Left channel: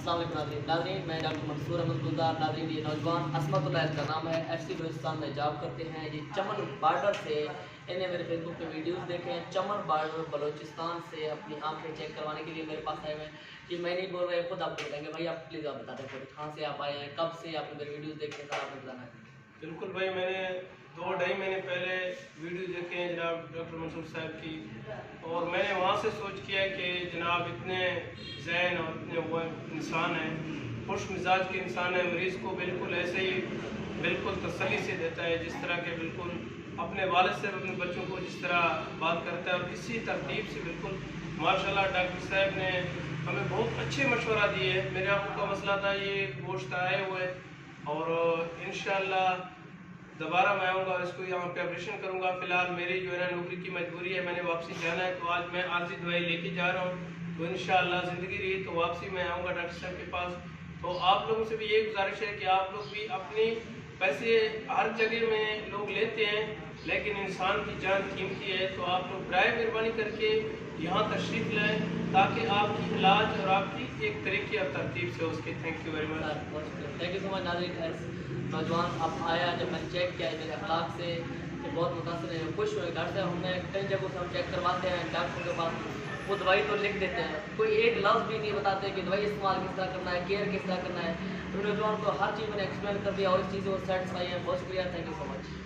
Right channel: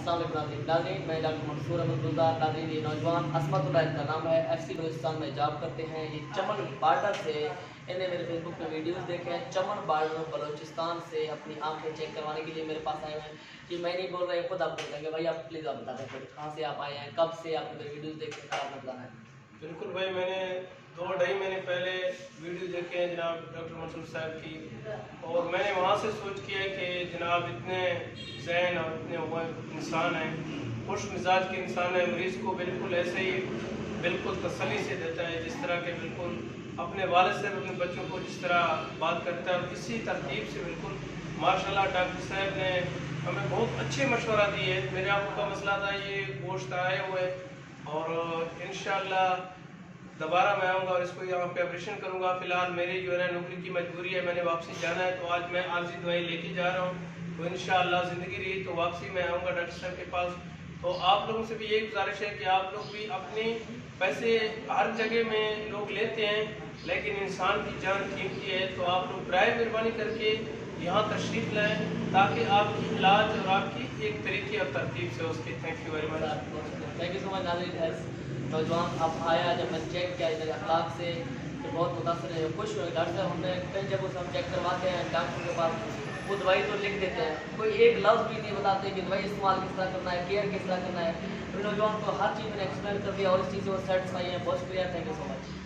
अस्सलाम वालेकुम नाज़रीन, मैं डॉक्टर मंसूर अहमद गुलजार। नाज़रीन, ये नौजवान असमतुल्लाह इनका नाम है, FC बलूचिस्तान में जॉब करते हैं। ये चमन बार्डर से, इन्हें मेरे फेसबुक पे वीडियोस देखे हैं, चमन बार्डर बलूचिस्तान से अपनी आंखें चेक करवाने के लिए मेरे पास आए हुए हैं। कि मैं नहीं बोल रहा, खुद आप बोल देंगे। भाई आप प्लीज़ आप बता दें खुद कहाँ से आप आए हैं, कब से आपने मेरे वीडियोज़ देखे, खराब मत लाना है। बिल्कुल भाई, मैंने 2-2.5 महीने पहले वीडियो देखे हैं जनाब डॉक्टर मंसूर साहब की, और मैंने वहाँ से सोच किया कि जनाब इतने ज़हन और इतने वो इंसान हैं, खुश मिजाज के इंसान हैं, मरीज़ को बिल्कुल ऐसे ही बिल्कुल तसल्ली से देता है जिस तरह के बिल्कुल अपने वालिद से अपने बच्चों को जिस तरह बात करता है, और इसी तरतीब से बिल्कुल माशाल्लाह डॉक्टर साहब ने हमें बहुत अच्छे मशवरा दिए। मेरे आंखों का मसला था, ये गोश्त आए हुए, और इंशाल्लाह दोबारा मैं आऊँगा और इसको यहाँ पे ऑपरेशन करूँगा। फ़िलहाल मेरी जो है ना नौकरी की मजबूरी है, मैंने वापसी जाना है, तो आज मैं आर्जी दवाई लेके जा रहा हूँ। तो इंशाअल्लाह ज़िंदगी रही तो वापसी में आऊँगा डॉक्टर साहब के पास। तो आप लोगों से भी यही गुजारिश है कि आप लोग भी अपने पैसे हर जगह में लोग लेते हैं, लेकिन इंसान की जान कीमती है, तो आप लोग बराए मेहरबानी करके यहाँ तशरीफ़ लाएँ ताकि आपकी इलाज और आपकी एक तरीके और तरतीब से उसकी। Thank you very much. Thank you so much. नाज़रीन, नौजवान आप आया, जब मैंने चेक किया मेरे अखलाक से कि बहुत मुतासर है, खुश हुए। डॉक्टर साहब हमने कई जगहों से हम चेक करवाते हैं, डॉक्टर के पास वो दवाई तो लिख देते हैं, कोई एक लफ्ज़ भी नहीं बताते कि दवाई इस्तेमाल किस तरह करना है, केयर किस तरह करना है। तो नौजवान को हर चीज़ मैंने एक्सप्लेन कर दिया और इस चीज़ से वो सेटिस्फाई है। बहुत शुक्रिया, थैंक यू सो मच।